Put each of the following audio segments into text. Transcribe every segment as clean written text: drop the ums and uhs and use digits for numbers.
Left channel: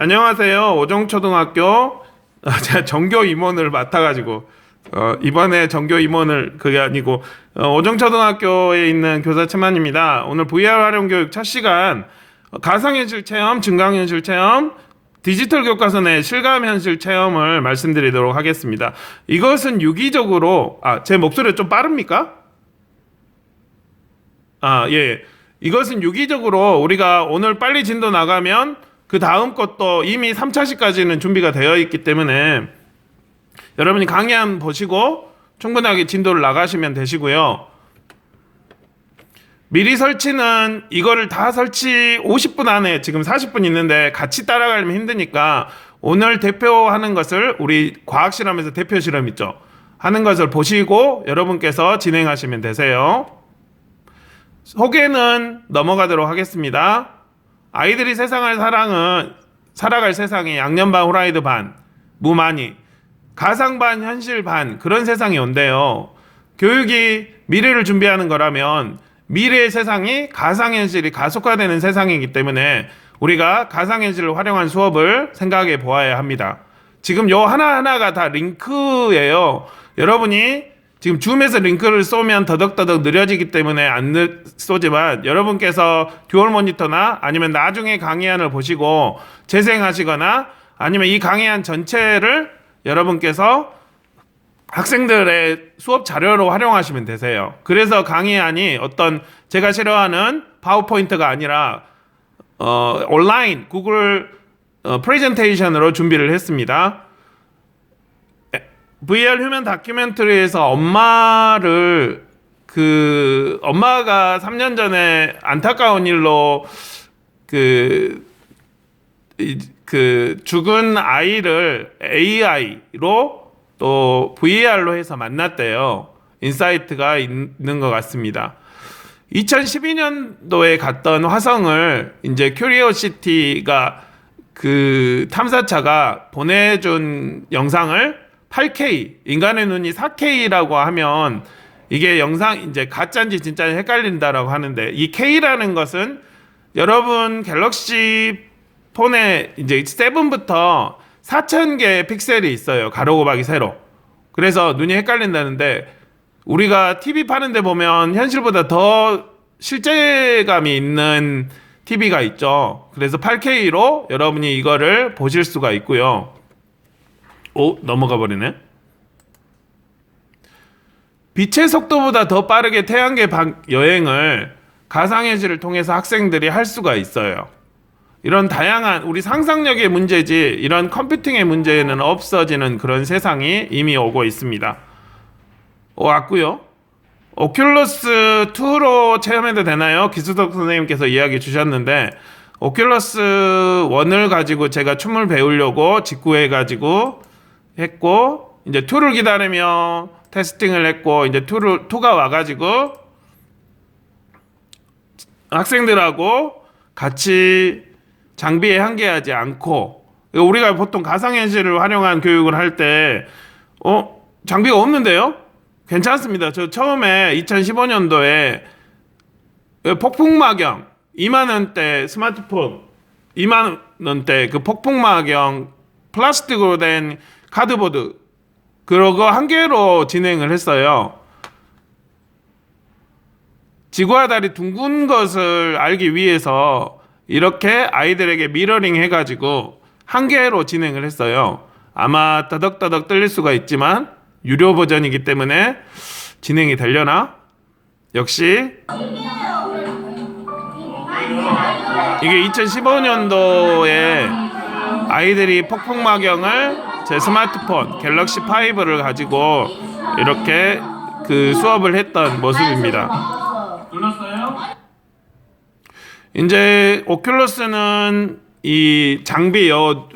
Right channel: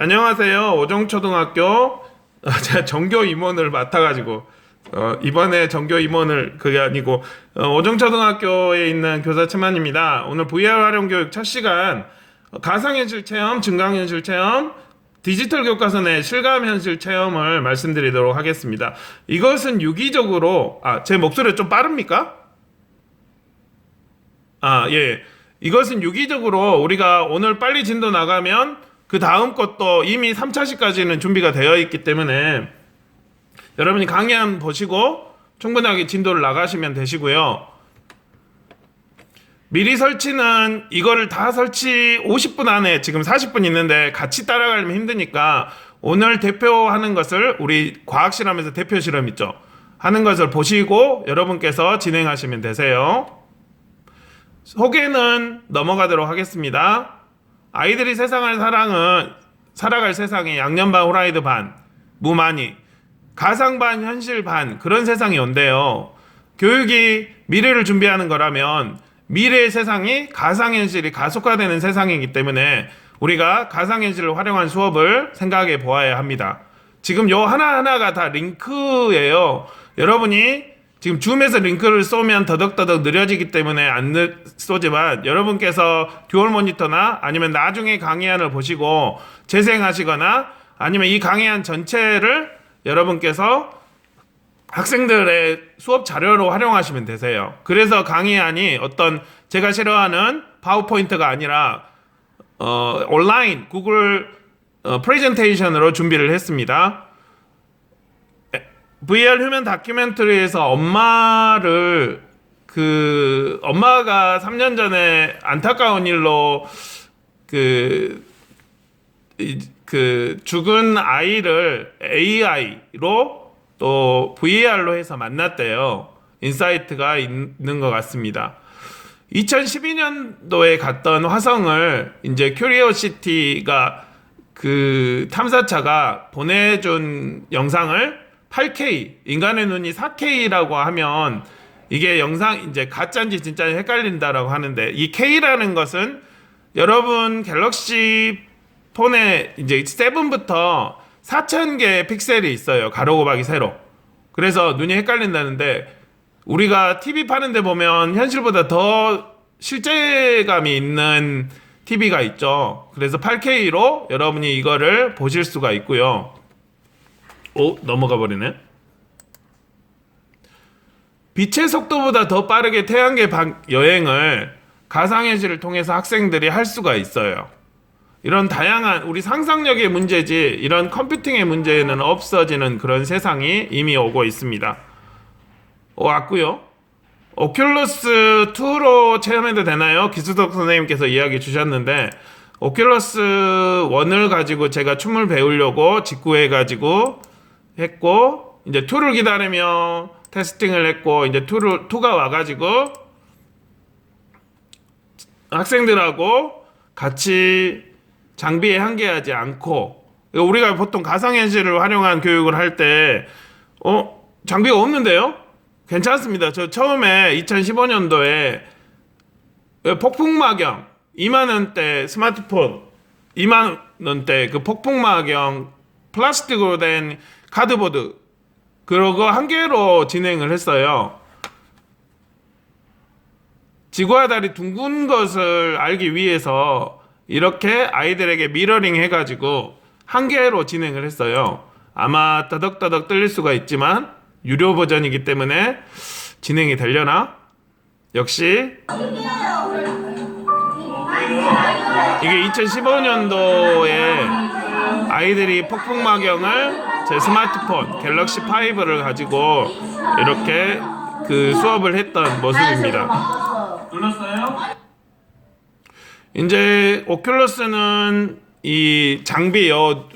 안녕하세요. 오정초등학교 제가 전교 임원을 맡아가지고 이번에 전교 임원을 그게 아니고 오정초등학교에 있는 교사 최만입니다. 오늘 VR 활용 교육 첫 시간 가상현실 체험, 증강현실 체험, 디지털 교과서의 실감현실 체험을 말씀드리도록 하겠습니다. 이것은 유기적으로 제 목소리가 좀 빠릅니까? 예. 이것은 유기적으로 우리가 오늘 빨리 진도 나가면 그 다음 것도 이미 3차시까지는 준비가 되어 있기 때문에 여러분이 강의한 보시고 충분하게 진도를 나가시면 되시고요. 미리 설치는 이거를 다 설치 50분 안에 지금 40분 있는데 같이 따라가려면 힘드니까 오늘 대표하는 것을 우리 과학실험에서 대표 실험 있죠. 하는 것을 보시고 여러분께서 진행하시면 되세요. 소개는 넘어가도록 하겠습니다. 아이들이 세상을 살아갈 세상에 양념 반 후라이드 반 무만이 가상 반 현실 반 그런 세상이 온대요. 교육이 미래를 준비하는 거라면 미래의 세상이 가상현실이 가속화되는 세상이기 때문에 우리가 가상현실을 활용한 수업을 생각해 보아야 합니다. 지금 요 하나하나가 다 링크예요. 여러분이 지금 줌에서 링크를 쏘면 더덕더덕 느려지기 때문에 안 쏘지만 여러분께서 듀얼 모니터나 아니면 나중에 강의안을 보시고 재생하시거나 아니면 이 강의안 전체를 여러분께서 학생들의 수업 자료로 활용하시면 되세요. 그래서 강의안이 어떤 제가 싫어하는 파워포인트가 아니라 온라인 구글 프레젠테이션으로 준비를 했습니다. VR 휴먼 다큐멘터리에서 엄마가 3년 전에 안타까운 일로 죽은 아이를 AI로 또 VR로 해서 만났대요. 인사이트가 있는 것 같습니다. 2012년도에 갔던 화성을 이제 큐리오시티가 그 탐사차가 보내준 영상을 8K, 인간의 눈이 4K라고 하면 이게 영상 이제 가짜인지 진짜인지 헷갈린다라고 하는데 이 K라는 것은 여러분 갤럭시 폰에 이제 7부터 4,000개의 픽셀이 있어요. 가로 곱하기 세로. 그래서 눈이 헷갈린다는데 우리가 TV 파는데 보면 현실보다 더 실제감이 있는 TV가 있죠. 그래서 8K로 여러분이 이거를 보실 수가 있고요. 넘어가 버리네. 빛의 속도보다 더 빠르게 태양계 여행을 가상현실을 통해서 학생들이 할 수가 있어요. 이런 다양한 우리 상상력의 문제지 이런 컴퓨팅의 문제는 없어지는 그런 세상이 이미 오고 있습니다. 왔고요. 오큘러스 2로 체험해도 되나요? 기수덕 선생님께서 이야기 주셨는데 오큘러스 1을 가지고 제가 춤을 배우려고 직구해가지고 했고 이제 2를 기다리며 테스팅을 했고 이제 2가 와가지고 학생들하고 같이 장비에 한계하지 않고 우리가 보통 가상현실을 활용한 교육을 할 때 장비가 없는데요? 괜찮습니다. 저 처음에 2015년도에 폭풍마경 2만원대 스마트폰 2만원대 그 폭풍마경 플라스틱으로 된 카드보드 그거 한 개로 진행을 했어요. 지구와 달이 둥근 것을 알기 위해서 이렇게 아이들에게 미러링 해가지고 한 개로 진행을 했어요. 아마 더덕더덕 떨릴 수가 있지만 유료 버전이기 때문에 진행이 되려나? 역시 이게 2015년도에 아이들이 폭풍마경을 제 스마트폰 갤럭시 5를 가지고 이렇게 그 수업을 했던 모습입니다. 눌렀어요? 이제 오큘러스는 이 장비요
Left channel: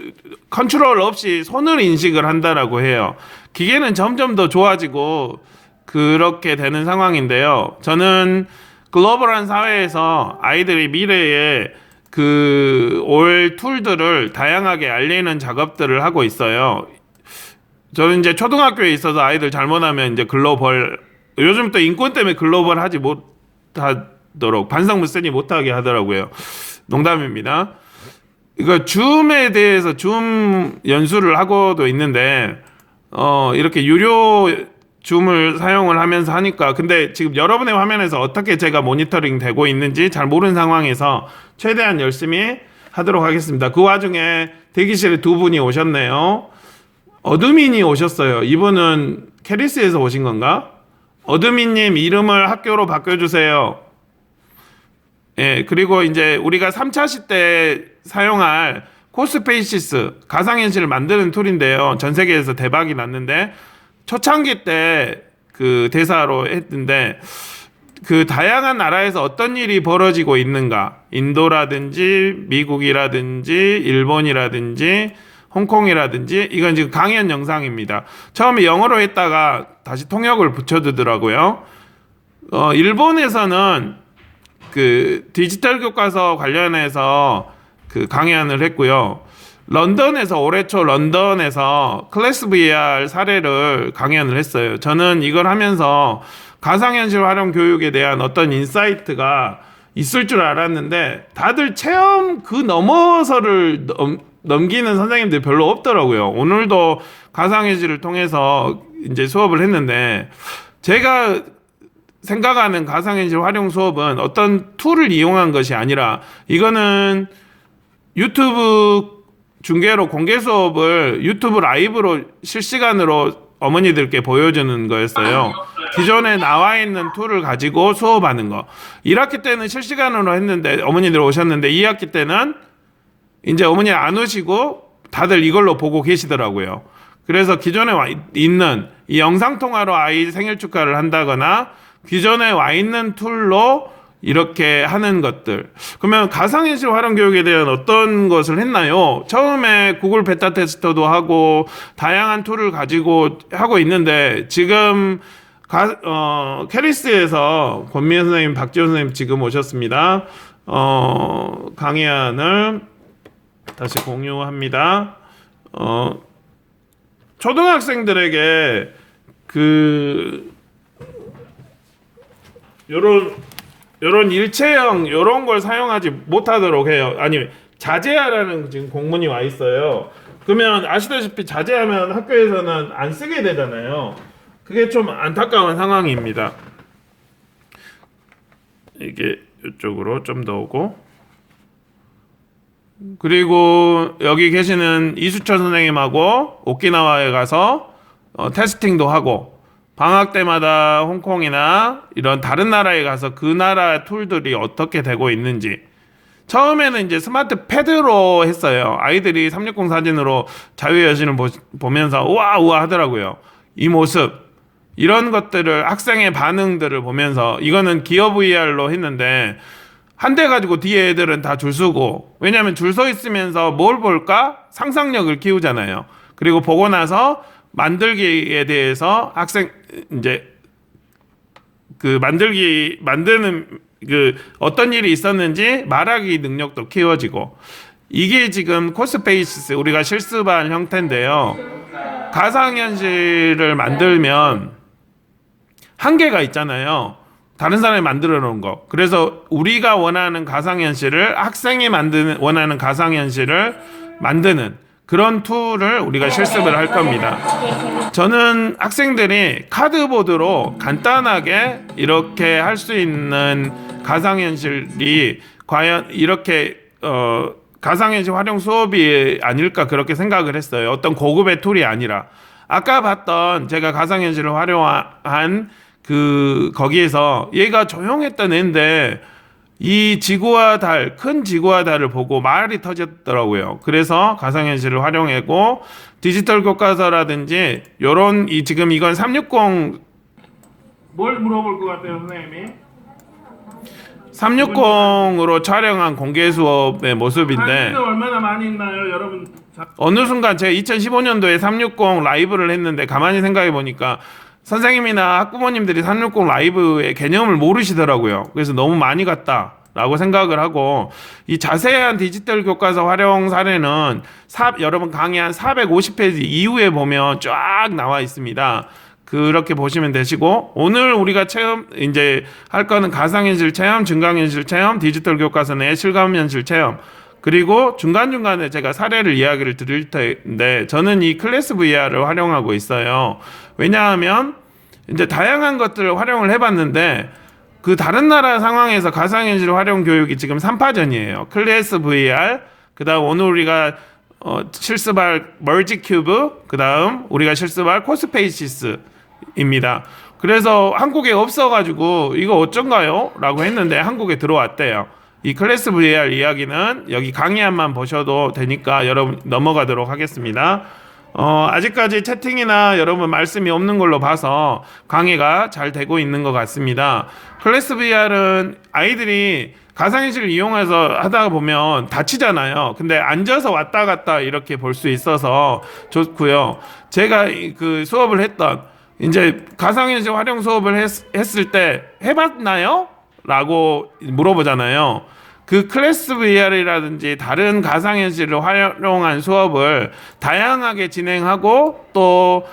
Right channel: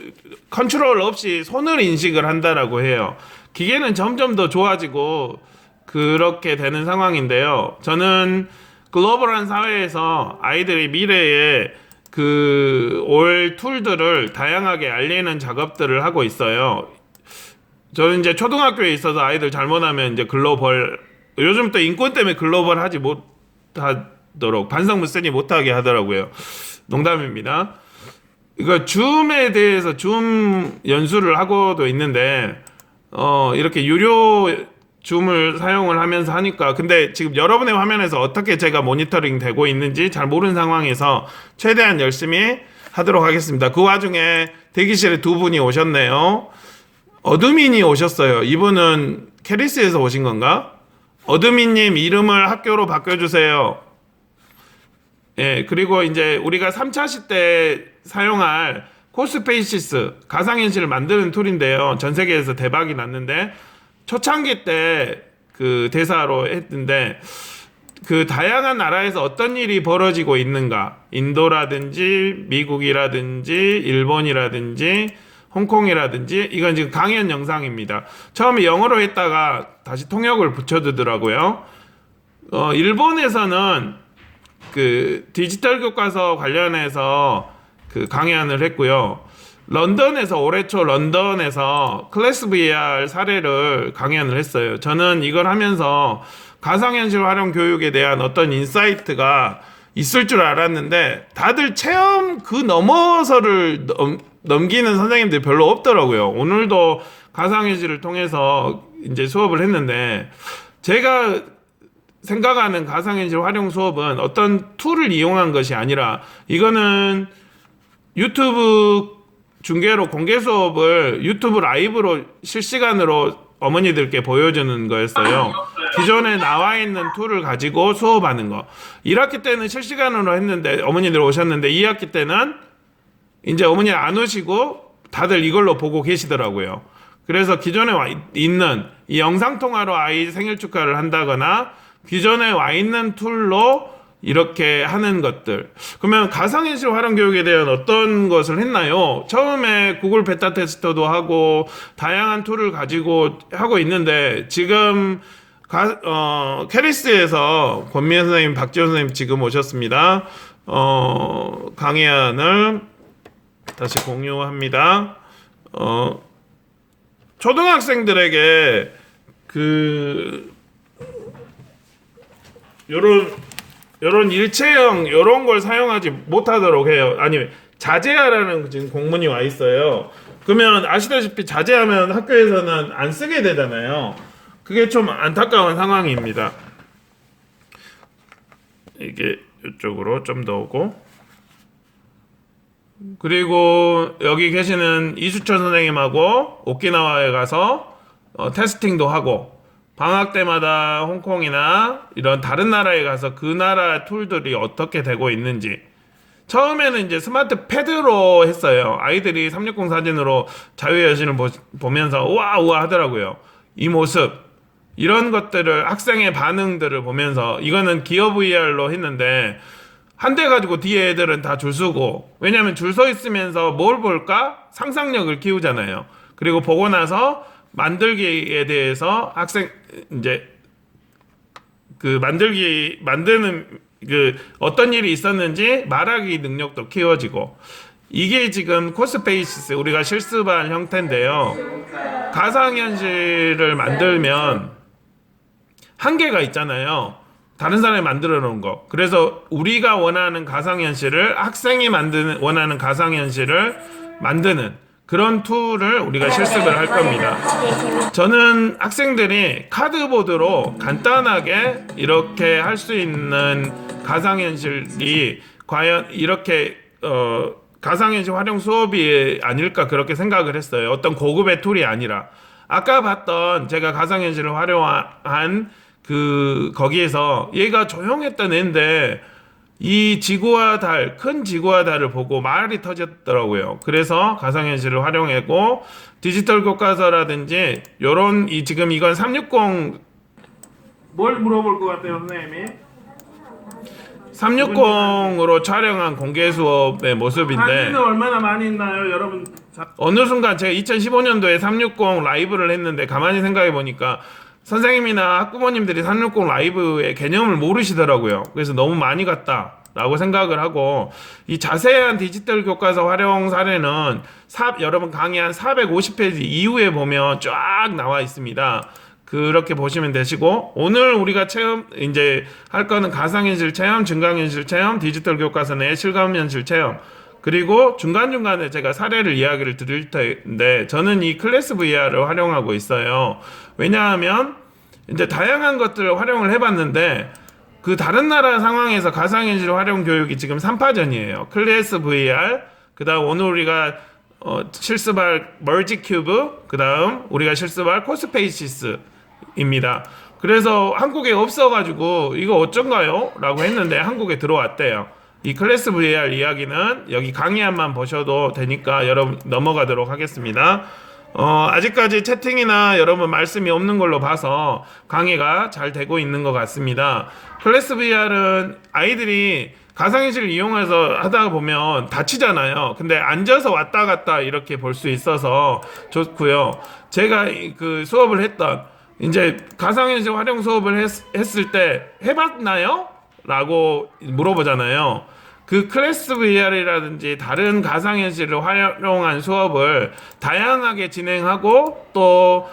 컨트롤 없이 손을 인식을 한다라고 해요. 기계는 점점 더 좋아지고 그렇게 되는 상황인데요. 저는 글로벌한 사회에서 아이들이 미래에 올 툴들을 다양하게 알리는 작업들을 하고 있어요. 저는 이제 초등학교에 있어서 아이들 잘못하면 이제 글로벌 요즘 또 인권 때문에 글로벌 하지 못하도록 반성문 쓰니 못하게 하더라고요. 농담입니다. 이거 줌에 대해서 줌 연수를 하고도 있는데 이렇게 유료 줌을 사용을 하면서 하니까 근데 지금 여러분의 화면에서 어떻게 제가 모니터링 되고 있는지 잘 모르는 상황에서 최대한 열심히 하도록 하겠습니다. 그 와중에 대기실에 두 분이 오셨네요. 어드민이 오셨어요. 이분은 캐리스에서 오신 건가? 어드민님 이름을 학교로 바꿔주세요. 예, 그리고 이제 우리가 3차 시대 사용할 코스페이시스 가상현실을 만드는 툴인데요. 전 세계에서 대박이 났는데 초창기 때 그 대사로 했는데 그 다양한 나라에서 어떤 일이 벌어지고 있는가 인도라든지 미국이라든지 일본이라든지 홍콩이라든지 이건 지금 강연 영상입니다. 처음에 영어로 했다가 다시 통역을 붙여주더라고요. 일본에서는 그 디지털 교과서 관련해서 그 강연을 했고요. 런던에서 올해 초 런던에서 클래스 VR 사례를 강연을 했어요. 저는 이걸 하면서 가상현실 활용 교육에 대한 어떤 인사이트가 있을 줄 알았는데 다들 체험 그 넘어서를 넘기는 선생님들이 별로 없더라고요. 오늘도 가상현실을 통해서 이제 수업을 했는데 제가 생각하는 가상현실 활용 수업은 어떤 툴을 이용한 것이 아니라 이거는 유튜브 중계로 공개 수업을 유튜브 라이브로 실시간으로 어머니들께 보여주는 거였어요. 기존에 나와 있는 툴을 가지고 수업하는 거. 1학기 때는 실시간으로 했는데 어머니들 오셨는데 2학기 때는 이제 어머니 안 오시고 다들 이걸로 보고 계시더라고요. 그래서 기존에 와 있는 이 영상통화로 아이 생일 축하를 한다거나 기존에 와 있는 툴로 이렇게 하는 것들. 그러면 가상현실 활용 교육에 대한 어떤 것을 했나요? 처음에 구글 베타 테스터도 하고 다양한 툴을 가지고 하고 있는데 지금 캐리스에서 권미애 선생님, 박지원 선생님 지금 오셨습니다. 강의안을 다시 공유합니다. 초등학생들에게 요런 일체형 요런 걸 사용하지 못하도록 해요. 아니 자제하라는 지금 공문이 와 있어요. 그러면 아시다시피 자제하면 학교에서는 안 쓰게 되잖아요. 그게 좀 안타까운 상황입니다. 이게 이쪽으로 좀 더 오고 그리고 여기 계시는 이수철 선생님하고 오키나와에 가서 테스팅도 하고 방학 때마다 홍콩이나 이런 다른 나라에 가서 그 나라 툴들이 어떻게 되고 있는지 처음에는 이제 스마트 패드로 했어요. 아이들이 360 사진으로 자유여신을 보면서 우와 우와 하더라고요. 이 모습 이런 것들을 학생의 반응들을 보면서 이거는 기어 VR로 했는데 한 대 가지고 뒤에 애들은 다 줄 서고 왜냐하면 줄 서 있으면서 뭘 볼까? 상상력을 키우잖아요. 그리고 보고 나서 만들기에 대해서 학생 이제 그 만드는 그 어떤 일이 있었는지 말하기 능력도 키워지고 이게 지금 코스페이시스 우리가 실습한 형태인데요. 가상현실을 만들면 한계가 있잖아요. 다른 사람이 만들어 놓은 거. 그래서 우리가 원하는 가상현실을 학생이 원하는 가상현실을 만드는 그런 툴을 우리가 실습을 할 겁니다. 저는 학생들이 카드보드로 간단하게 이렇게 할 수 있는 가상현실이 과연 이렇게 가상현실 활용 수업이 아닐까 그렇게 생각을 했어요. 어떤 고급의 툴이 아니라 아까 봤던 제가 가상현실을 활용한 거기에서 얘가 조용했던 애인데 이 지구와 달, 큰 지구와 달을 보고 말이 터졌더라고요. 그래서 가상현실을 활용하고 디지털 교과서라든지 요런 지금 이건 360 뭘 물어볼 것 같아요, 선생님이? 360으로 촬영한 공개 수업의 모습인데 사진은 얼마나 많이 있나요, 여러분? 어느 순간 제가 2015년도에 360 라이브를 했는데 가만히 생각해 보니까 선생님이나 학부모님들이 360 라이브의 개념을 모르시더라고요. 그래서 너무 많이 갔다라고 생각을 하고 이 자세한 디지털 교과서 활용 사례는 여러분 강의 한 450페이지 이후에 보면 쫙 나와 있습니다. 그렇게 보시면 되시고 오늘 우리가 이제 할 거는 가상현실 체험, 증강현실 체험, 디지털 교과서 내 실감현실 체험 그리고 중간중간에 제가 사례를 이야기를 드릴 텐데 저는 이 클래스 VR을 활용하고 있어요. 왜냐하면 이제 다양한 것들을 활용을 해봤는데 그 다른 나라 상황에서 가상현실 활용 교육이 지금 3파전이에요. 클래스 VR, 그 다음 오늘 우리가 실습할 멀지 큐브, 그 다음 우리가 실습할 코스페이시스입니다. 그래서 한국에 없어가지고 이거 어쩐가요? 라고 했는데 한국에 들어왔대요. 이 클래스 VR 이야기는 여기 강의안만 보셔도 되니까 여러분 넘어가도록 하겠습니다. 아직까지 채팅이나 여러분 말씀이 없는 걸로 봐서 강의가 잘 되고 있는 것 같습니다. 클래스 VR은 아이들이 가상현실을 이용해서 하다 보면 다치잖아요. 근데 앉아서 왔다 갔다 이렇게 볼 수 있어서 좋고요. 제가 그 수업을 했던 이제 가상현실 활용 수업을 했을 때 해봤나요? 라고 물어보잖아요. 그 클래스 VR이라든지 다른 가상현실을 활용한 수업을 다양하게 진행하고 또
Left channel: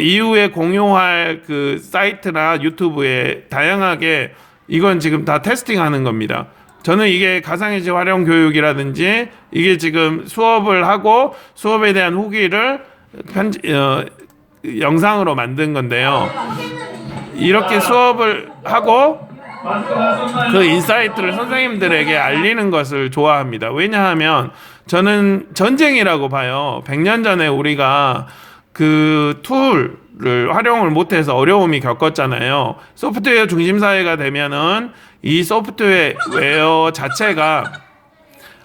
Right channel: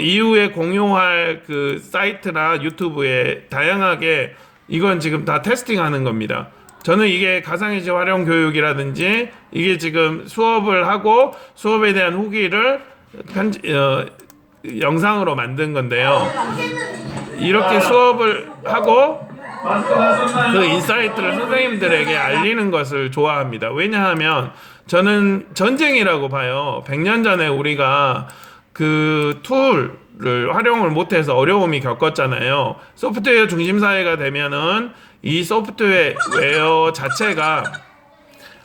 이후에 공유할 그 사이트나 유튜브에 다양하게 이건 지금 다 테스팅하는 겁니다. 저는 이게 가상현실 활용 교육이라든지 이게 지금 수업을 하고 수업에 대한 후기를 영상으로 만든 건데요. 이렇게 수업을 하고 그 인사이트를 선생님들에게 알리는 것을 좋아합니다. 왜냐하면 저는 전쟁이라고 봐요. 100년 전에 우리가 그 툴을 활용을 못해서 어려움이 겪었잖아요. 소프트웨어 중심 사회가 되면은 이 소프트웨어 자체가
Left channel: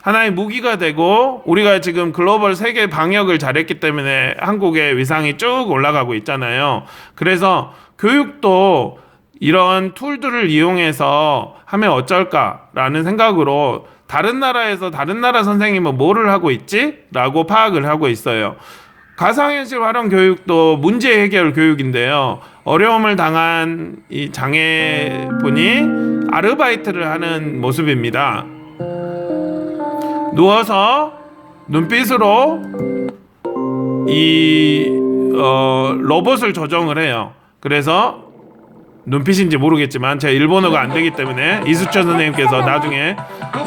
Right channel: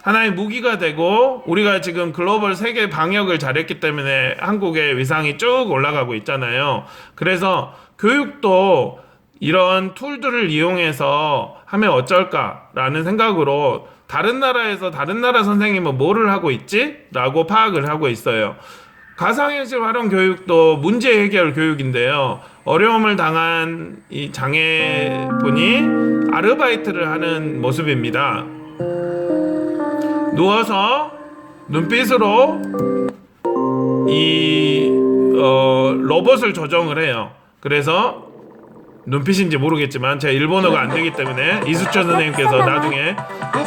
하나의 무기가 되고 우리가 지금 글로벌 세계 방역을 잘했기 때문에 한국의 위상이 쭉 올라가고 있잖아요. 그래서 교육도 이런 툴들을 이용해서 하면 어쩔까라는 생각으로 다른 나라에서 다른 나라 선생님은 뭐를 하고 있지? 라고 파악을 하고 있어요. 가상현실 활용 교육도 문제 해결 교육인데요. 어려움을 당한 이 장애분이 아르바이트를 하는 모습입니다. 누워서 눈빛으로 이 로봇을 조정을 해요. 그래서 눈빛인지 모르겠지만 제가 일본어가 안 되기 때문에 이수철 선생님께서 나중에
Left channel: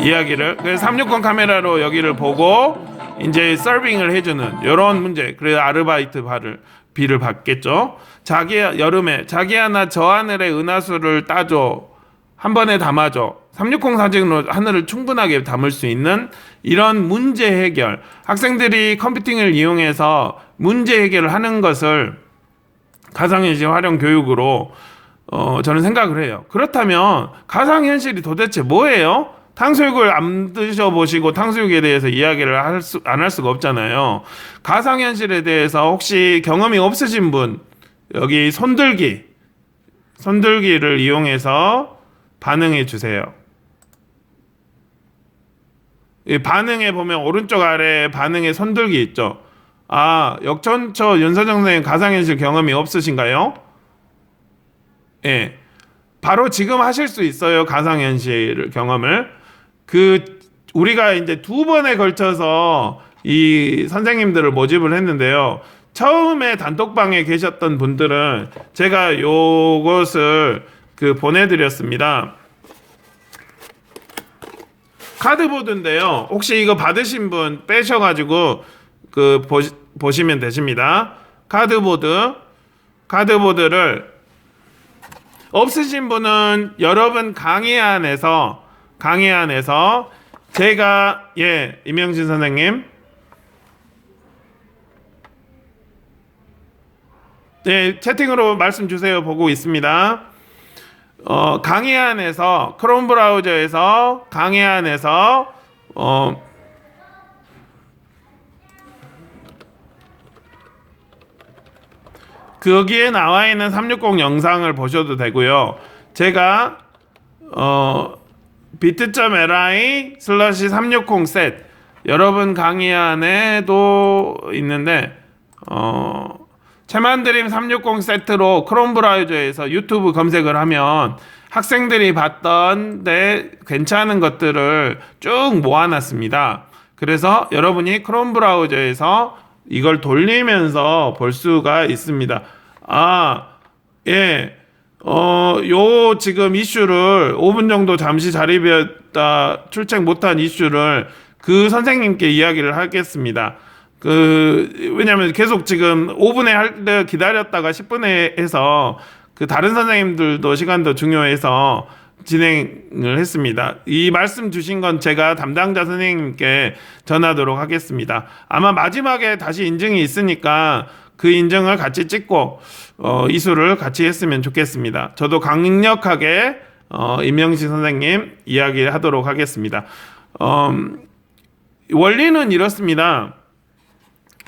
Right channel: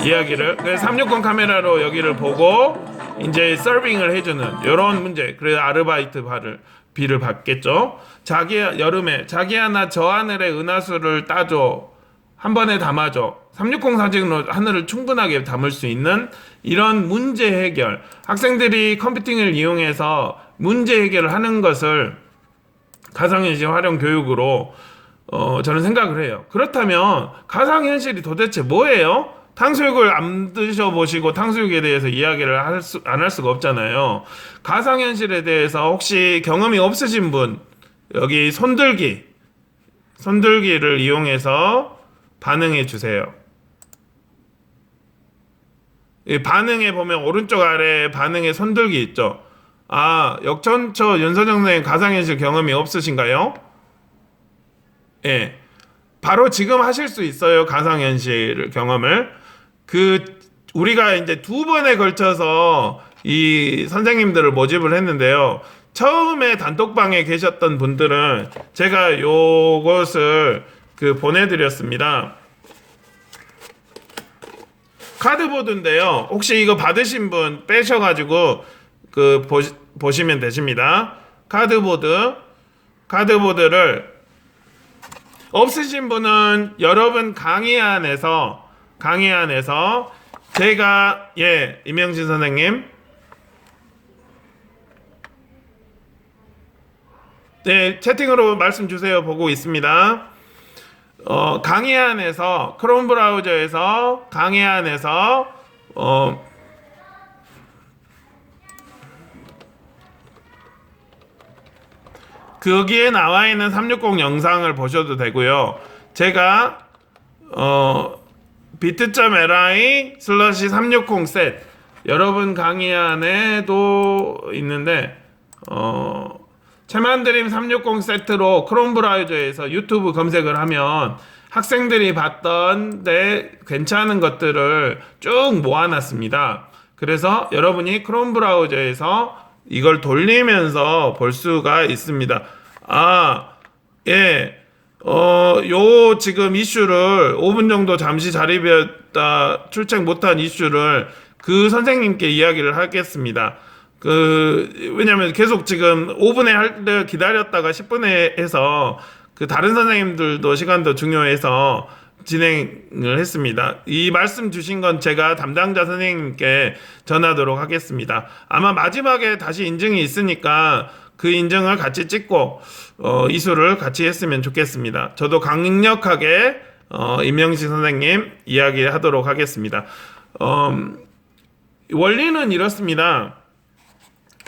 이야기를 360 카메라로 여기를 보고 이제 서빙을 해주는 이런 문제. 그래서 아르바이트 비를 받겠죠. 여름에 자기야 나 저 하늘의 은하수를 따줘, 한 번에 담아줘. 360 사진으로 하늘을 충분하게 담을 수 있는 이런 문제 해결, 학생들이 컴퓨팅을 이용해서 문제 해결을 하는 것을 가상현실 활용 교육으로 저는 생각을 해요. 그렇다면 가상현실이 도대체 뭐예요? 탕수육을 안 드셔보시고 탕수육에 대해서 이야기를 안 할 수가 없잖아요. 가상현실에 대해서 혹시 경험이 없으신 분, 여기 손들기를 이용해서 반응해 주세요. 이 반응에 보면 오른쪽 아래에 반응에 손들기 있죠. 역전처 윤선정 선생님 가상현실 경험이 없으신가요? 예. 바로 지금 하실 수 있어요. 가상현실 경험을. 우리가 이제 2번에 걸쳐서 이 선생님들을 모집을 했는데요. 처음에 단톡방에 계셨던 분들은 제가 요것을 보내드렸습니다. 카드보드인데요. 혹시 이거 받으신 분 빼셔가지고 보시면 되십니다. 카드보드를 없으신 분은 여러분 강의안에서 제가 임영진 선생님 채팅으로 말씀 주세요. 보고 있습니다. 강의안에서 크롬 브라우저에서 강의안에서 거기에 나와 있는 360 영상을 보셔도 되고요. 제가 bit.ly/360set 여러분 강의안에도 있는데 채만드림 360 세트로 크롬 브라우저에서 유튜브 검색을 하면 학생들이 봤던 괜찮은 것들을 쭉 모아놨습니다. 그래서 여러분이 크롬 브라우저에서 이걸 돌리면서 볼 수가 있습니다. 요 지금 이슈를 5분 정도 잠시 자리 비었다 출첵 못한 이슈를 그 선생님께 이야기를 하겠습니다. 왜냐면 계속 지금 5분에 할 때 기다렸다가 10분에 해서 그 다른 선생님들도 시간도 중요해서 진행을 했습니다. 이 말씀 주신 건 제가 담당자 선생님께 전하도록 하겠습니다. 아마 마지막에 다시 인증이 있으니까 그 인증을 같이 찍고 이수를 같이 했으면 좋겠습니다. 저도 강력하게 임영식 선생님 이야기하도록 하겠습니다. 원리는 이렇습니다.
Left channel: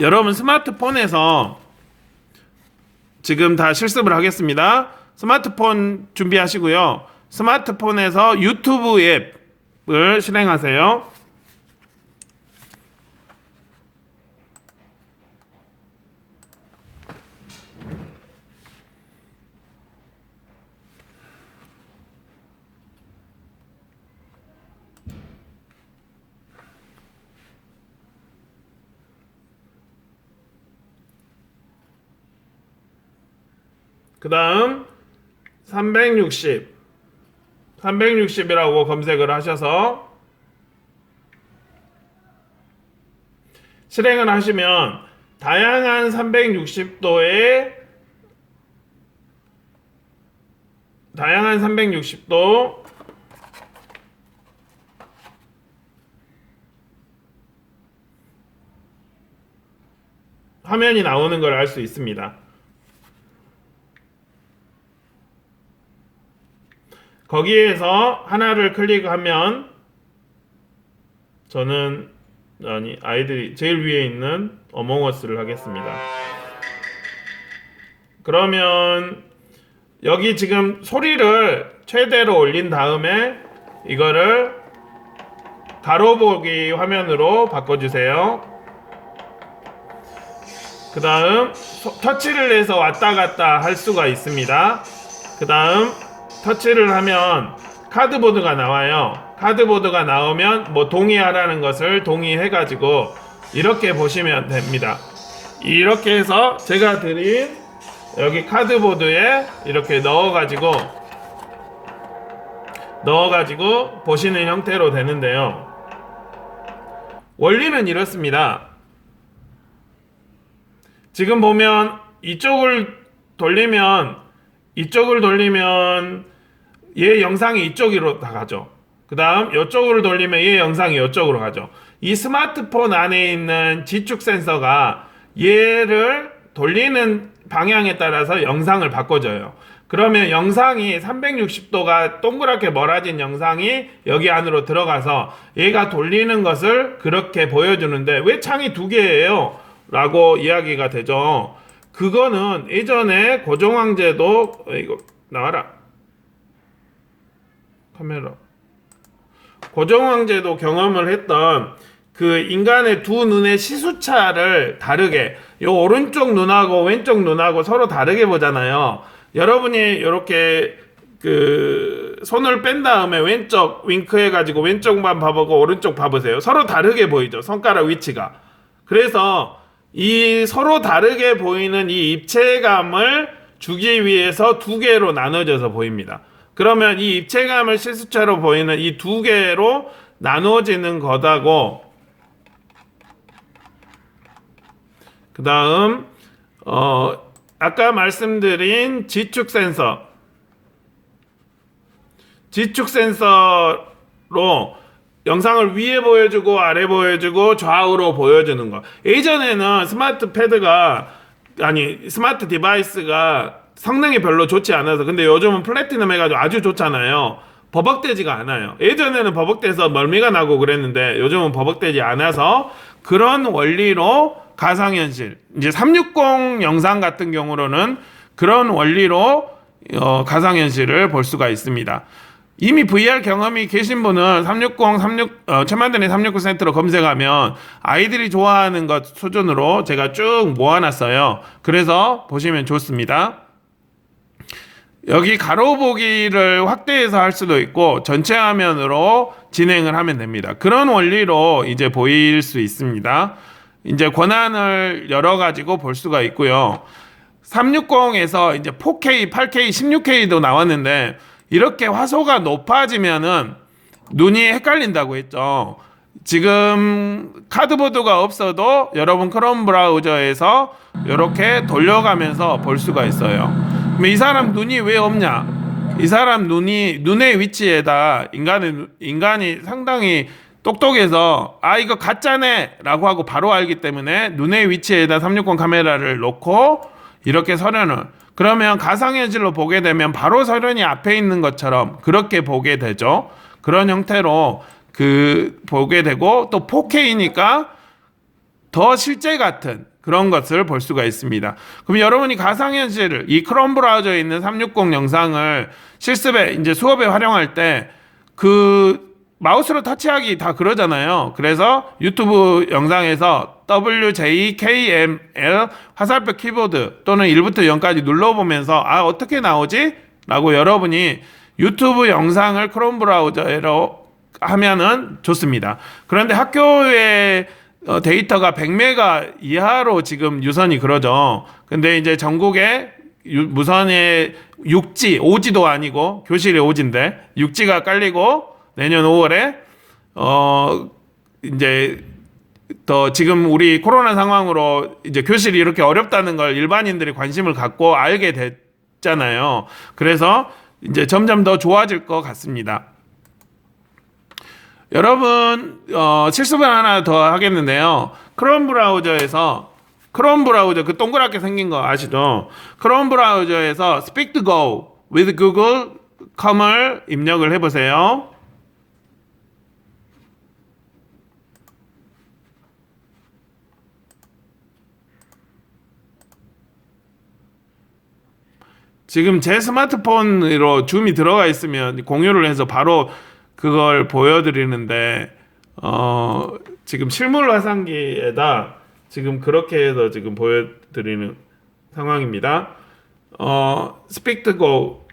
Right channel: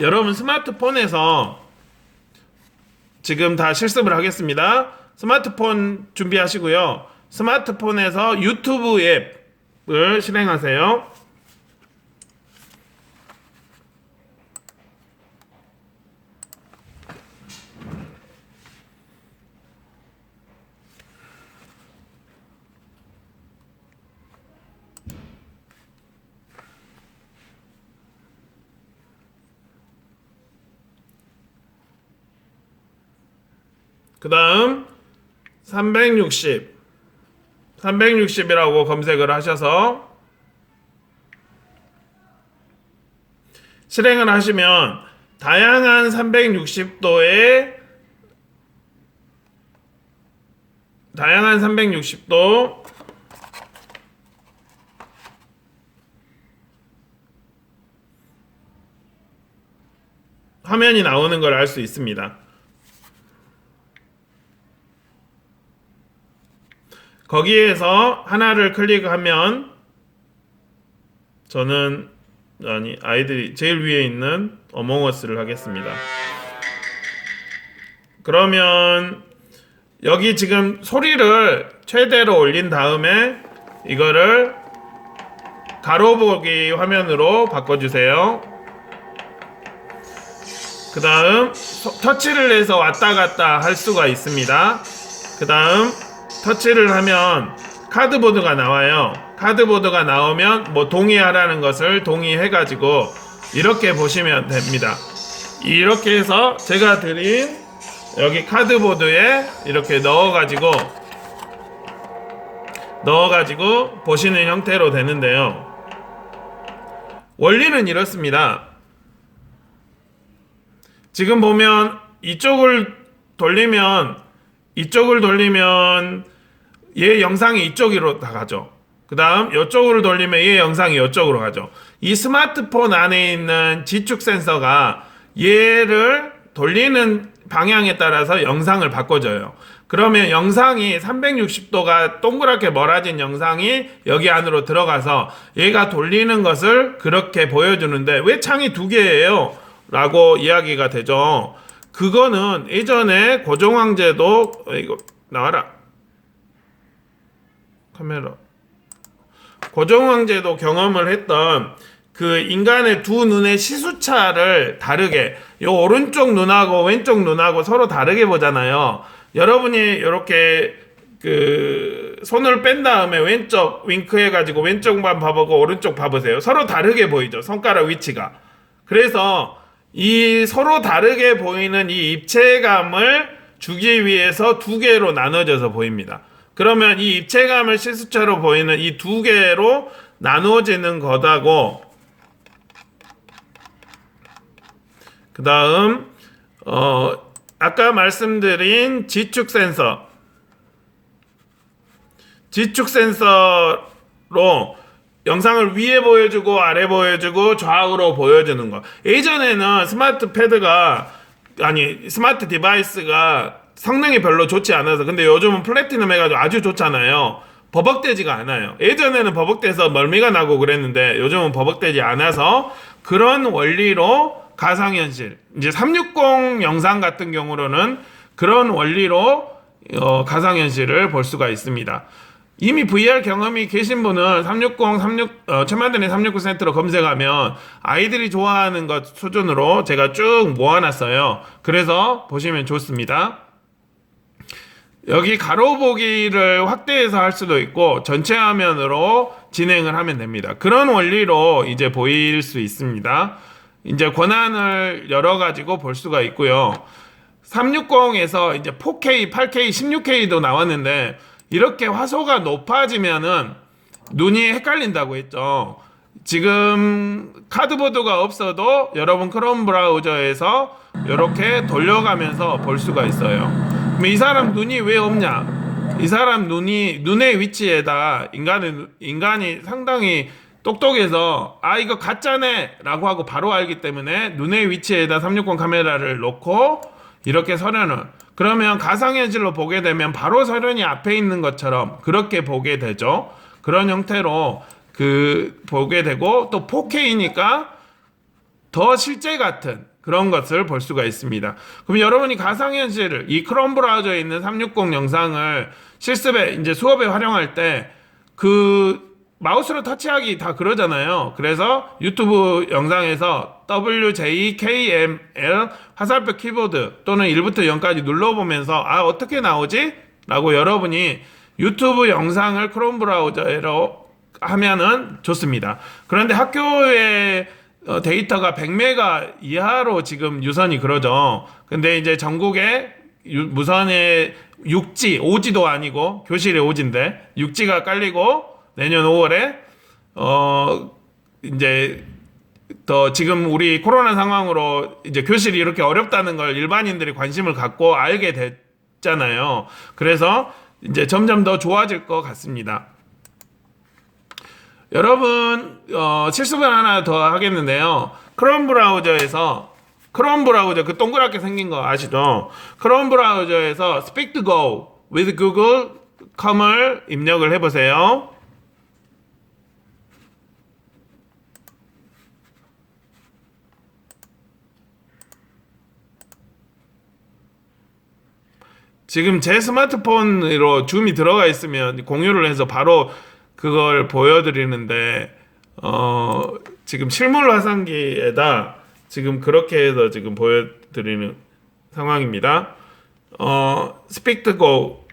여러분 스마트폰에서 지금 다 실습을 하겠습니다. 스마트폰 준비하시고요. 스마트폰에서 유튜브 앱을 실행하세요. 그 다음 360이라고 검색을 하셔서 실행을 하시면 다양한 360도 화면이 나오는 걸 알 수 있습니다. 거기에서 하나를 클릭하면 저는 아이들이 제일 위에 있는 어몽어스를 하겠습니다. 그러면 여기 지금 소리를 최대로 올린 다음에 이거를 가로보기 화면으로 바꿔주세요. 그 다음 터치를 해서 왔다 갔다 할 수가 있습니다. 그 다음 터치를 하면 카드보드가 나와요. 카드보드가 나오면 뭐 동의하라는 것을 동의해가지고 이렇게 보시면 됩니다. 이렇게 해서 제가 드린 여기 카드보드에 이렇게 넣어가지고 보시는 형태로 되는데요. 원리는 이렇습니다. 지금 보면 이쪽을 돌리면 얘 영상이 이쪽으로 다 가죠. 그 다음 이쪽으로 돌리면 얘 영상이 이쪽으로 가죠. 이 스마트폰 안에 있는 지축 센서가 얘를 돌리는 방향에 따라서 영상을 바꿔줘요. 그러면 영상이 360도가 동그랗게 멀어진 영상이 여기 안으로 들어가서 얘가 돌리는 것을 그렇게 보여주는데 왜 창이 두 개예요? 라고 이야기가 되죠. 그거는 예전에 고종황제도 이거 나와라. 카메라. 고종황제도 경험을 했던 그 인간의 두 눈의 시수차를 다르게 요 오른쪽 눈하고 왼쪽 눈하고 서로 다르게 보잖아요. 여러분이 이렇게 그 손을 뺀 다음에 왼쪽 윙크 해가지고 왼쪽만 봐보고 오른쪽 봐보세요. 서로 다르게 보이죠. 손가락 위치가. 그래서 이 서로 다르게 보이는 이 입체감을 주기 위해서 두 개로 나눠져서 보입니다. 그러면 이 입체감을 시수차로 보이는 이 두 개로 나누어지는 거다고, 그 다음 아까 말씀드린 지축 센서로 영상을 위에 보여주고 아래 보여주고 좌우로 보여주는 거. 예전에는 스마트 디바이스가 성능이 별로 좋지 않아서, 근데 요즘은 플래티넘 해가지고 아주 좋잖아요. 버벅대지가 않아요. 예전에는 버벅대서 멀미가 나고 그랬는데 요즘은 버벅대지 않아서 그런 원리로 가상현실, 이제 360 영상 같은 경우로는 그런 원리로 가상현실을 볼 수가 있습니다. 이미 VR 경험이 계신 분은 360 369 센터로 검색하면 아이들이 좋아하는 것 수준으로 제가 쭉 모아놨어요. 그래서 보시면 좋습니다. 여기 가로보기를 확대해서 할 수도 있고 전체 화면으로 진행을 하면 됩니다. 그런 원리로 이제 보일 수 있습니다. 이제 권한을 열어 가지고 볼 수가 있고요. 360에서 이제 4K, 8K, 16K도 나왔는데 이렇게 화소가 높아지면은 눈이 헷갈린다고 했죠. 지금 카드보드가 없어도 여러분 크롬 브라우저에서 이렇게 돌려가면서 볼 수가 있어요. 그럼 이 사람 눈이 왜 없냐? 이 사람 눈의 위치에다 인간이 상당히 똑똑해서 이거 가짜네 라고 하고 바로 알기 때문에 눈의 위치에다 360 카메라를 놓고 이렇게 서련을, 그러면 가상현실로 보게 되면 바로 서련이 앞에 있는 것처럼 그렇게 보게 되죠. 그런 형태로 보게 되고, 또 4K니까 더 실제 같은 그런 것을 볼 수가 있습니다. 그럼 여러분이 가상현실을 이 크롬 브라우저에 있는 360 영상을 실습에 이제 수업에 활용할 때 마우스로 터치하기 다 그러잖아요. 그래서 유튜브 영상에서 WJKML 화살표 키보드 또는 1부터 0까지 눌러보면서 어떻게 나오지? 라고 여러분이 유튜브 영상을 크롬 브라우저로 하면은 좋습니다. 그런데 학교에 데이터가 100메가 이하로 지금 유선이 그러죠. 근데 이제 전국에 무선에 6G, 5G도 아니고 교실에 5G인데 6G가 깔리고 내년 5월에 이제 더 지금 우리 코로나 상황으로 이제 교실이 이렇게 어렵다는 걸 일반인들이 관심을 갖고 알게 됐잖아요. 그래서 이제 점점 더 좋아질 것 같습니다. 여러분 실습을 하나 더 하겠는데요. 크롬 브라우저 그 동그랗게 생긴 거 아시죠? 크롬 브라우저에서 Speak to Go with Google.com을 입력을 해보세요. 지금 제 스마트폰으로 줌이 들어가 있으면 공유를 해서 바로 그걸 보여드리는데 지금 실물 화상기에다 지금 그렇게 해서 지금 보여드리는 상황입니다. Speak to Go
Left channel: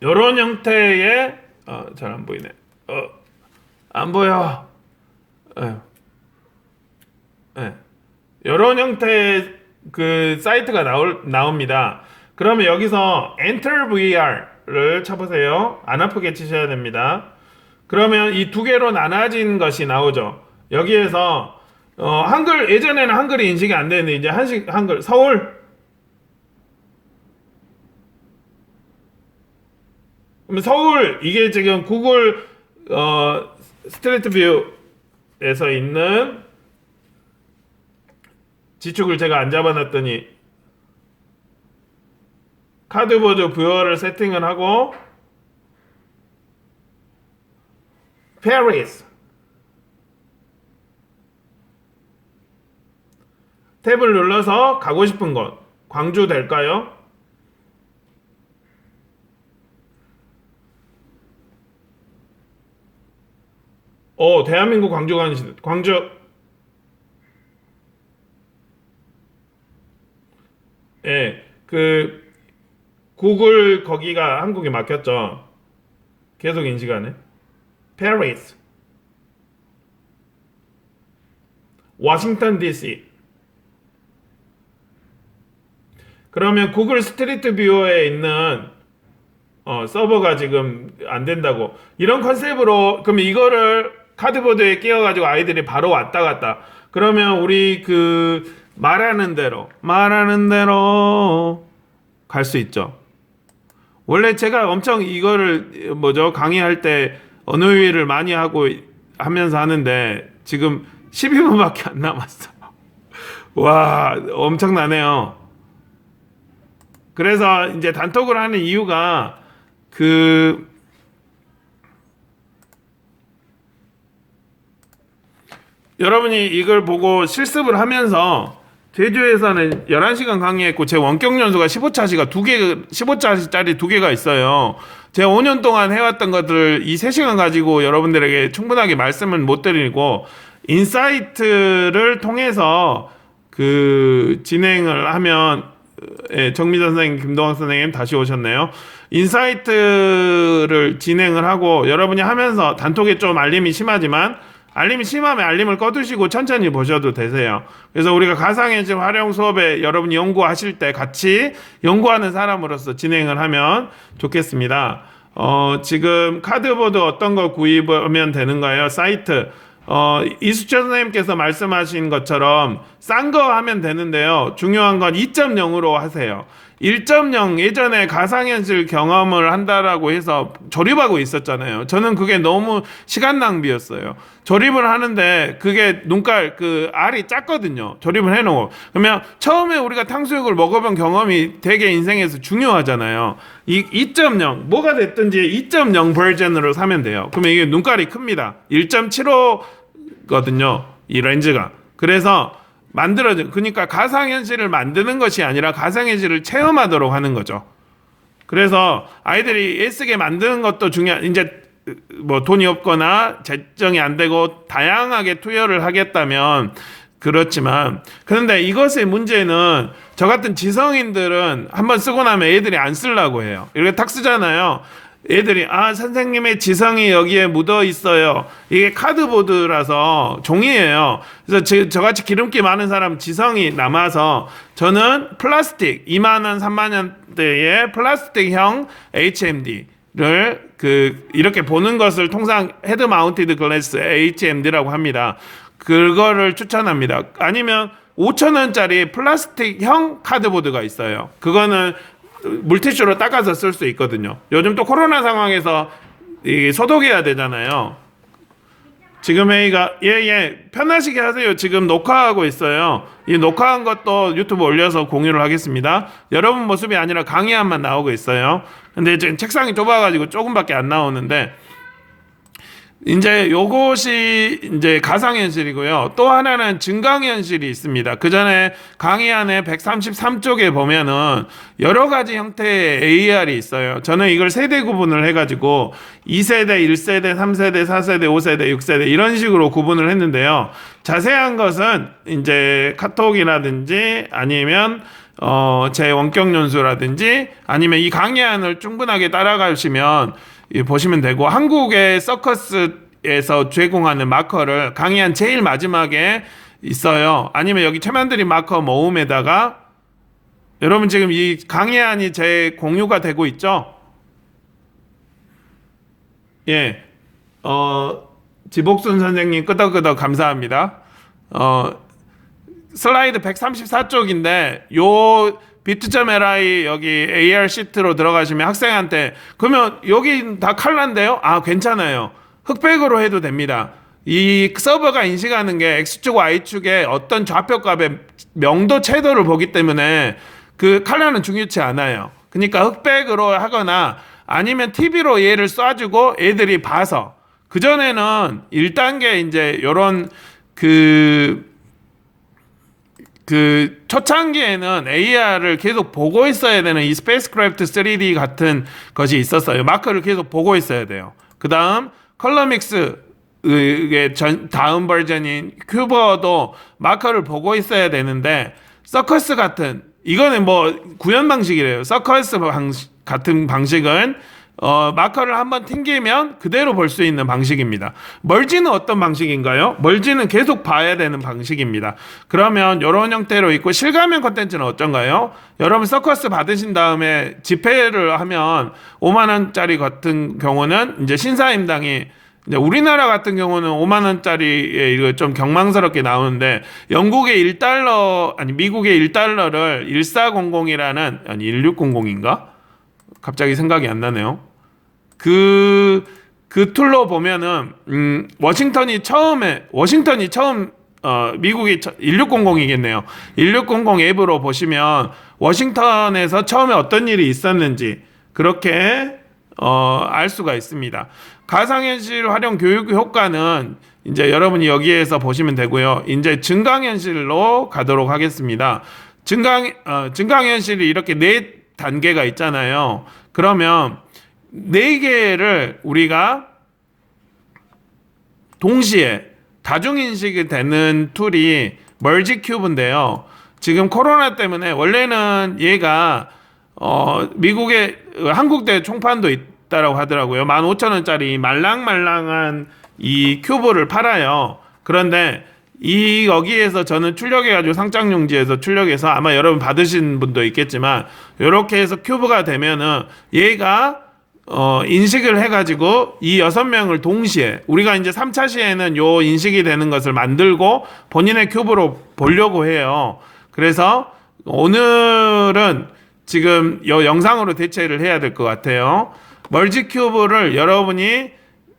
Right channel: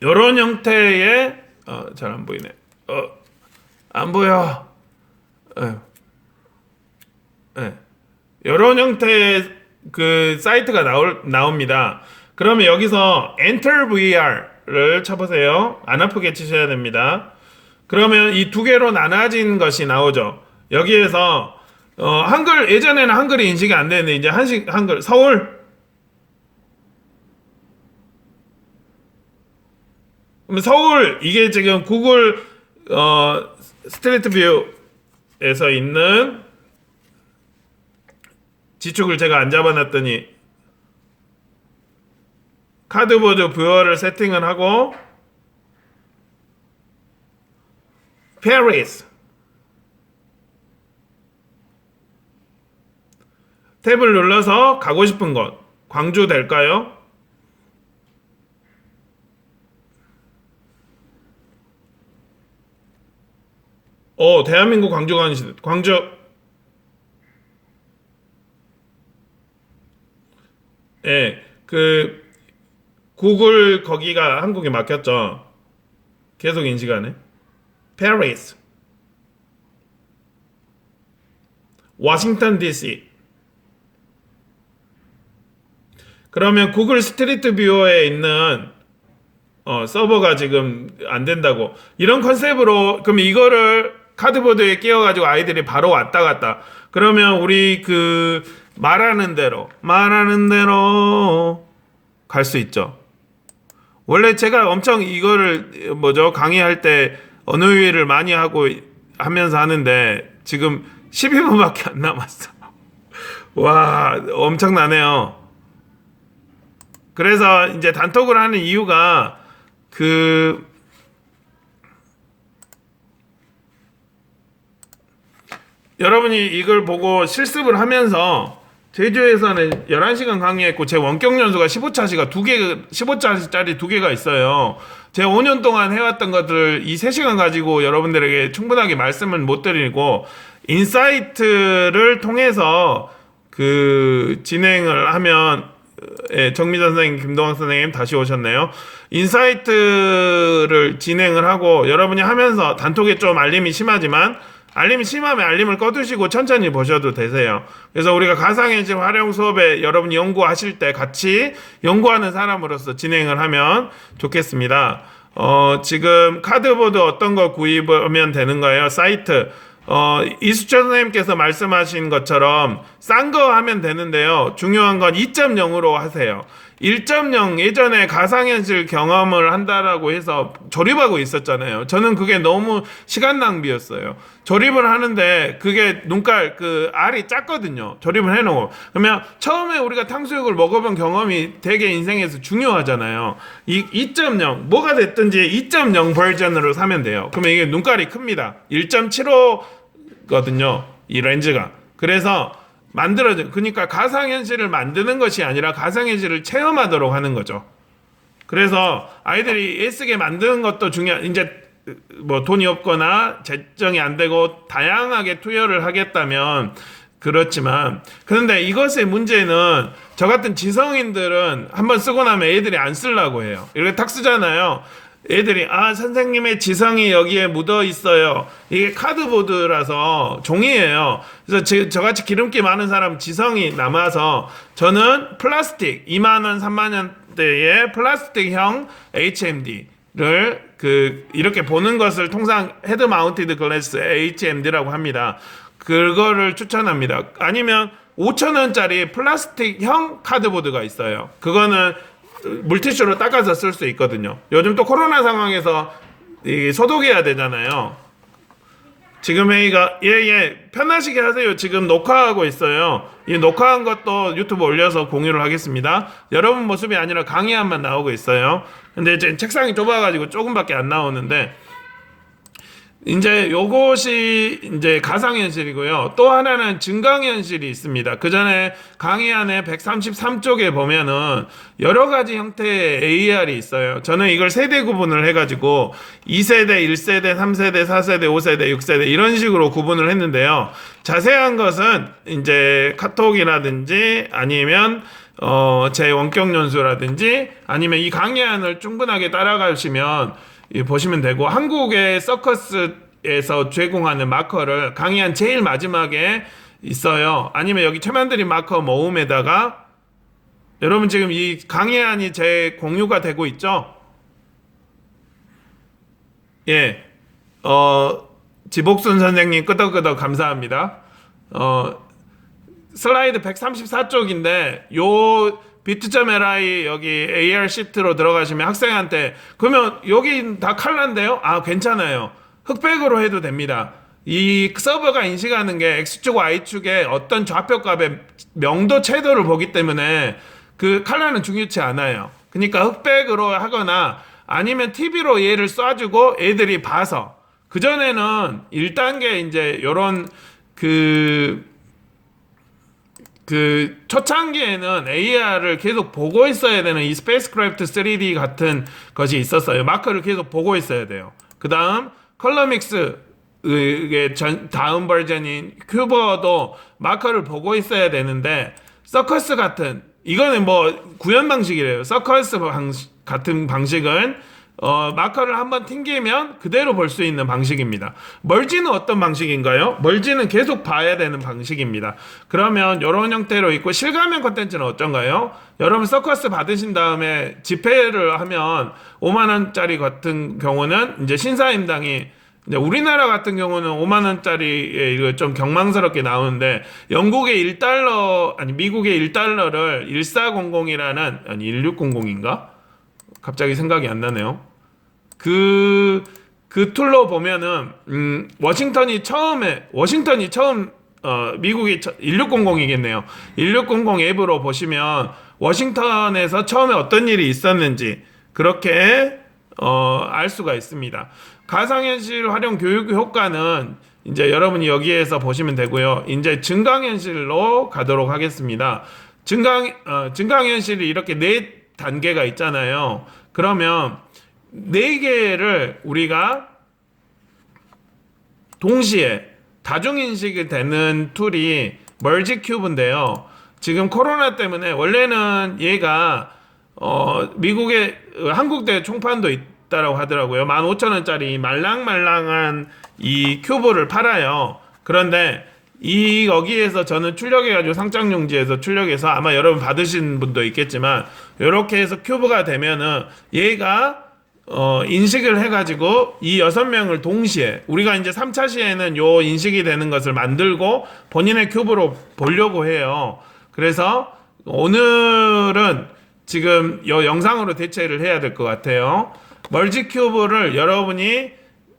이런 형태의 잘 안 보이네. 안 보여. 이런 형태의 그 사이트가 나옵니다. 그러면 여기서 Enter VR를 쳐보세요. 안 아프게 치셔야 됩니다. 그러면 이 두 개로 나눠진 것이 나오죠. 여기에서 한글, 예전에는 한글이 인식이 안 되는데 이제 한글 서울. 그럼 서울 이게 지금 구글 스트리트 뷰에서 있는 지축을 제가 안 잡아놨더니 카드보드 뷰어를 세팅을 하고 페리스 탭을 눌러서 가고 싶은 곳, 광주 될까요? 대한민국 광주. 그 구글 거기가 한국에 막혔죠. 계속 인식하네. 페리스, 워싱턴 DC. 그러면 구글 스트리트 뷰어에 있는 서버가 지금 안 된다고. 이런 컨셉으로 그럼 이거를 카드보드에 끼워가지고 아이들이 바로 왔다 갔다. 그러면 우리 말하는 대로 갈 수 있죠. 원래 제가 엄청 이거를 강의할 때 언어유희를 많이 하면서 하는데 지금 12분밖에 안 남았어. 와, 엄청나네요. 그래서 이제 단톡을 하는 이유가 여러분이 이걸 보고 실습을 하면서 제주에서는 11시간 강의했고 제 원격 연수가 15차짜리 두 개가 있어요. 제가 5년 동안 해왔던 것들 이 3시간 가지고 여러분들에게 충분하게 말씀을 못 드리고 인사이트를 통해서 진행을 하면 정미전 선생님, 김동학 선생님 다시 오셨네요. 인사이트를 진행을 하고 여러분이 하면서 단톡에 좀 알림이 심하지만 알림이 심하면 알림을 꺼두시고 천천히 보셔도 되세요. 그래서 우리가 가상현실 활용 수업에 여러분이 연구하실 때 같이 연구하는 사람으로서 진행을 하면 좋겠습니다. 지금 카드보드 어떤 거 구입하면 되는 거예요? 사이트. 이수철 선생님께서 말씀하신 것처럼 싼 거 하면 되는데요. 중요한 건 2.0으로 하세요. 1.0 예전에 가상현실 경험을 한다라고 해서 조립하고 있었잖아요. 저는 그게 너무 시간 낭비였어요. 조립을 하는데 그게 눈깔 그 알이 작거든요. 조립을 해놓고 그러면 처음에 우리가 탕수육을 먹어본 경험이 되게 인생에서 중요하잖아요. 이 2.0 뭐가 됐든지 2.0 버전으로 사면 돼요. 그러면 이게 눈깔이 큽니다. 1.75거든요. 이 렌즈가. 그래서 만들어져. 그러니까 가상현실을 만드는 것이 아니라 가상현실을 체험하도록 하는 거죠. 그래서 아이들이 애쓰게 만드는 것도 이제 뭐 돈이 없거나 재정이 안 되고 다양하게 투여를 하겠다면 그렇지만 그런데 이것의 문제는 저 같은 지성인들은 한번 쓰고 나면 애들이 안 쓰려고 해요. 이렇게 탁 쓰잖아요. 애들이 선생님의 지성이 여기에 묻어 있어요. 이게 카드보드라서 종이에요. 그래서 저같이 기름기 많은 사람 지성이 남아서 저는 플라스틱 2만 원, 3만 원대의 플라스틱형 HMD를 이렇게 보는 것을 통상 헤드 마운티드 글래스 HMD라고 합니다. 그거를 추천합니다. 아니면 5,000원짜리 플라스틱형 카드보드가 있어요. 그거는 물티슈로 닦아서 쓸 수 있거든요. 요즘 또 코로나 상황에서 소독해야 되잖아요. 지금 회의가 편하시게 하세요. 지금 녹화하고 있어요. 이 녹화한 것도 유튜브 올려서 공유를 하겠습니다. 여러분 모습이 아니라 강의안만 나오고 있어요. 근데 지금 책상이 좁아가지고 조금밖에 안 나오는데 이제 요것이 이제 가상현실이고요. 또 하나는 증강현실이 있습니다. 그 전에 강의안에 133쪽에 보면은 여러 가지 형태의 AR이 있어요. 저는 이걸 세대 구분을 해가지고 2세대, 1세대, 3세대, 4세대, 5세대, 6세대 이런 식으로 구분을 했는데요. 자세한 것은 이제 카톡이라든지 아니면 제 원격 연수라든지 아니면 이 강의안을 충분하게 따라가시면 보시면 되고 한국의 서커스에서 제공하는 마커를 강의한 제일 마지막에 있어요. 아니면 여기 최만드린 마커 모음에다가 여러분 지금 이 강의안이 제 공유가 되고 있죠? 예. 지복순 선생님 끄덕끄덕 감사합니다. 슬라이드 134쪽인데 요 비트.li 여기 AR 시트로 들어가시면 학생한테 그러면 여기 다 칼라인데요? 괜찮아요. 흑백으로 해도 됩니다. 이 서버가 인식하는 게 X축, Y축의 어떤 좌표값의 명도 채도를 보기 때문에 그 칼라는 중요치 않아요. 그러니까 흑백으로 하거나 아니면 TV로 얘를 쏴주고 애들이 봐서 그전에는 1단계 이제 요런 초창기에는 AR을 계속 보고 있어야 되는 이 스페이스크래프트 3D 같은 것이 있었어요. 마커를 계속 보고 있어야 돼요. 그 다음 컬러믹스의 다음 버전인 큐버도 마커를 보고 있어야 되는데 서커스 같은 이거는 뭐 구현 방식이래요. 서커스 같은 방식은 마커를 한번 튕기면 그대로 볼 수 있는 방식입니다. 멀지는 어떤 방식인가요? 멀지는 계속 봐야 되는 방식입니다. 그러면 이런 형태로 있고 실가면 콘텐츠는 어떤가요? 여러분 서커스 받으신 다음에 집회를 하면 5만 원짜리 같은 경우는 이제 신사임당이 이제 우리나라 같은 경우는 5만 원짜리에 이거 좀 경망스럽게 나오는데 영국의 1달러 아니 미국의 1달러를 1400이라는 아니 1600인가? 갑자기 생각이 안 나네요. 그 툴로 보면은 워싱턴이 처음 미국이 1600이겠네요. 1600 앱으로 보시면 워싱턴에서 처음에 어떤 일이 있었는지 그렇게 알 수가 있습니다. 가상현실 활용 교육 효과는 이제 여러분이 여기에서 보시면 되고요. 이제 증강현실로 가도록 하겠습니다. 증강현실이 이렇게 4단계가 있잖아요. 그러면 4개를 우리가 동시에 다중인식이 되는 툴이 멀지 큐브인데요. 지금 코로나 때문에 원래는 얘가 한국대 총판도 있다라고 하더라고요. 15,000원짜리 말랑말랑한 이 큐브를 팔아요. 그런데 여기에서 저는 출력해가지고 상장용지에서 출력해서 아마 여러분 받으신 분도 있겠지만 이렇게 해서 큐브가 되면은 얘가 인식을 해가지고 이 6명을 동시에 우리가 이제 3차 시에는 요 인식이 되는 것을 만들고 본인의 큐브로 보려고 해요. 그래서 오늘은 지금 요 영상으로 대체를 해야 될 것 같아요. 멀지 큐브를 여러분이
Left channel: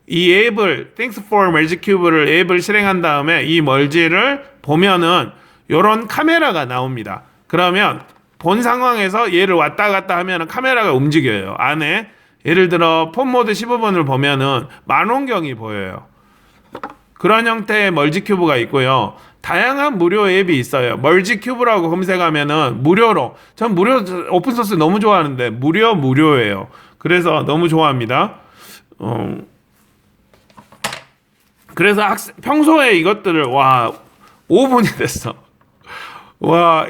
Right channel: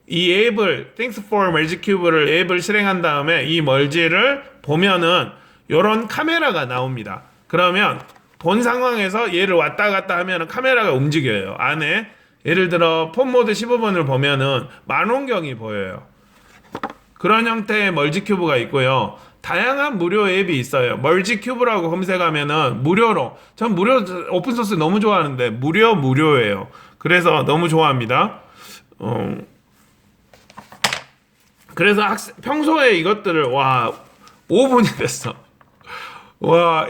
이 앱을 Things for Merge Cube를 앱을 실행한 다음에 이 멀지를 보면은 요런 카메라가 나옵니다. 그러면 본 상황에서 얘를 왔다 갔다 하면은 카메라가 움직여요. 안에 예를 들어 폰 모드 15번을 보면은 만원경이 보여요. 그런 형태의 멀지 큐브가 있고요. 다양한 무료 앱이 있어요. 멀지 큐브라고 검색하면은 무료로, 전 무료 오픈 소스 너무 좋아하는데 무료예요. 그래서 너무 좋아합니다. 그래서 평소에 이것들을 5분이 됐어.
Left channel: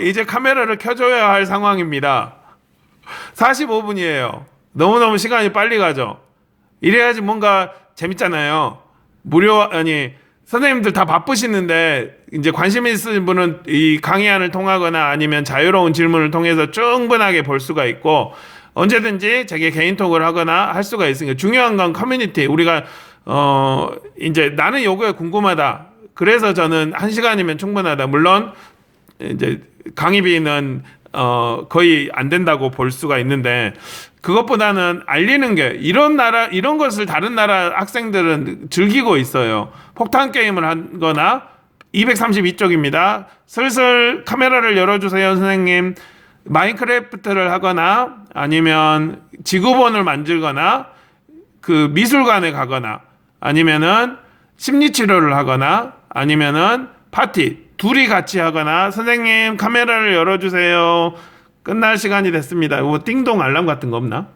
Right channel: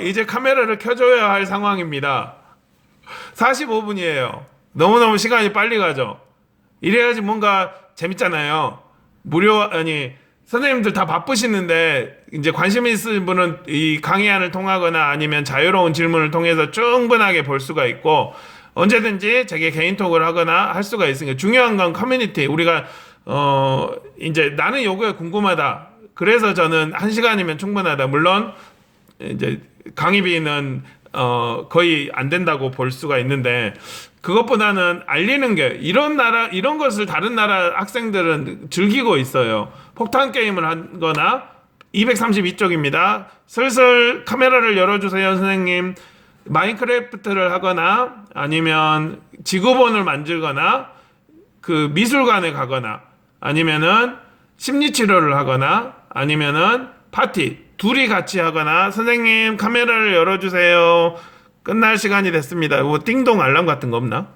이제 카메라를 켜줘야 할 상황입니다. 45분이에요. 너무너무 시간이 빨리 가죠. 이래야지 뭔가 재밌잖아요. 선생님들 다 바쁘시는데 이제 관심 있으신 분은 이 강의안을 통하거나 아니면 자유로운 질문을 통해서 충분하게 볼 수가 있고 언제든지 제게 개인톡을 하거나 할 수가 있으니까 중요한 건 커뮤니티. 우리가 이제 나는 요거에 궁금하다. 그래서 저는 1시간이면 충분하다. 물론 이제 강의비는 거의 안 된다고 볼 수가 있는데 그것보다는 알리는 게 이런 것을 다른 나라 학생들은 즐기고 있어요. 폭탄 게임을 하거나 232쪽입니다. 슬슬 카메라를 열어주세요, 선생님. 마인크래프트를 하거나 아니면 지구본을 만들거나 그 미술관에 가거나 아니면은 심리치료를 하거나 아니면은 파티 둘이 같이 하거나 선생님 카메라를 열어주세요. 끝날 시간이 됐습니다. 뭐 띵동 알람 같은 거 없나?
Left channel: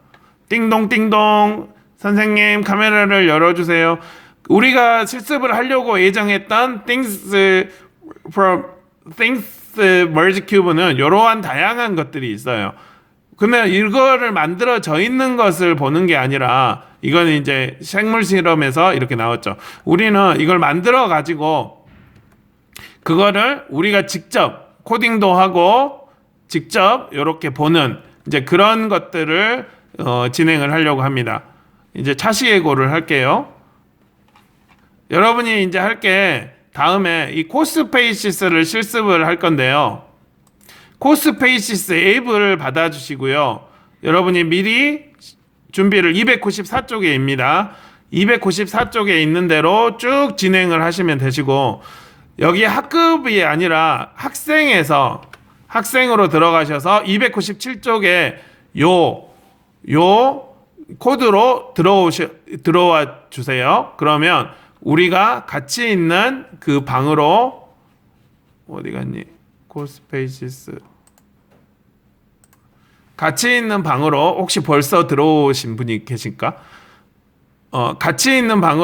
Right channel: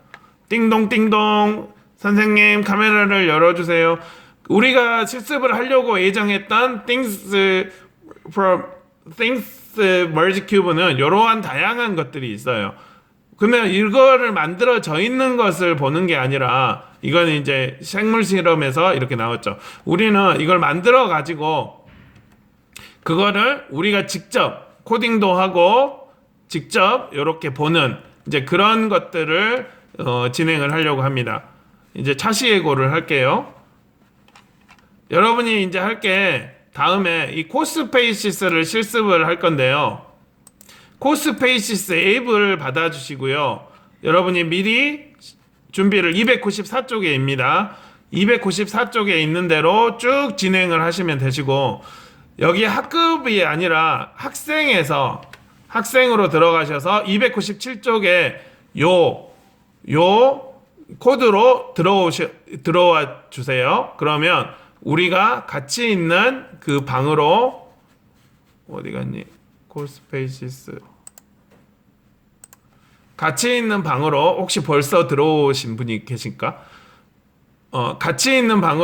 띵동 띵동 선생님 카메라를 열어주세요. 우리가 실습을 하려고 예정했던 Things Merge Cube는 이러한 다양한 것들이 있어요. 그러면 이거를 만들어져 있는 것을 보는 게 아니라 이건 이제 생물 실험에서 이렇게 나왔죠. 우리는 이걸 만들어 가지고 그거를 우리가 직접 코딩도 하고 직접 이렇게 보는 이제 그런 것들을 진행을 하려고 합니다. 이제 차시예고를 할게요. 여러분이 이제 할 게 다음에 이 코스페이시스를 실습을 할 건데요. 코스페이시스 앱을 받아주시고요. 여러분이 미리 준비를 294쪽에입니다. 294쪽에 있는 대로 쭉 진행을 하시면 되시고 여기 학급이 아니라 학생으로 들어가셔서 297쪽에 요 코드로 들어와 주세요. 그러면 우리가 같이 있는 그 방으로 어디 갔니? 코스페이시스 같이 있는 방으로 혹시 벌써 들어오신 분이 계실까? 같이 있는 방으로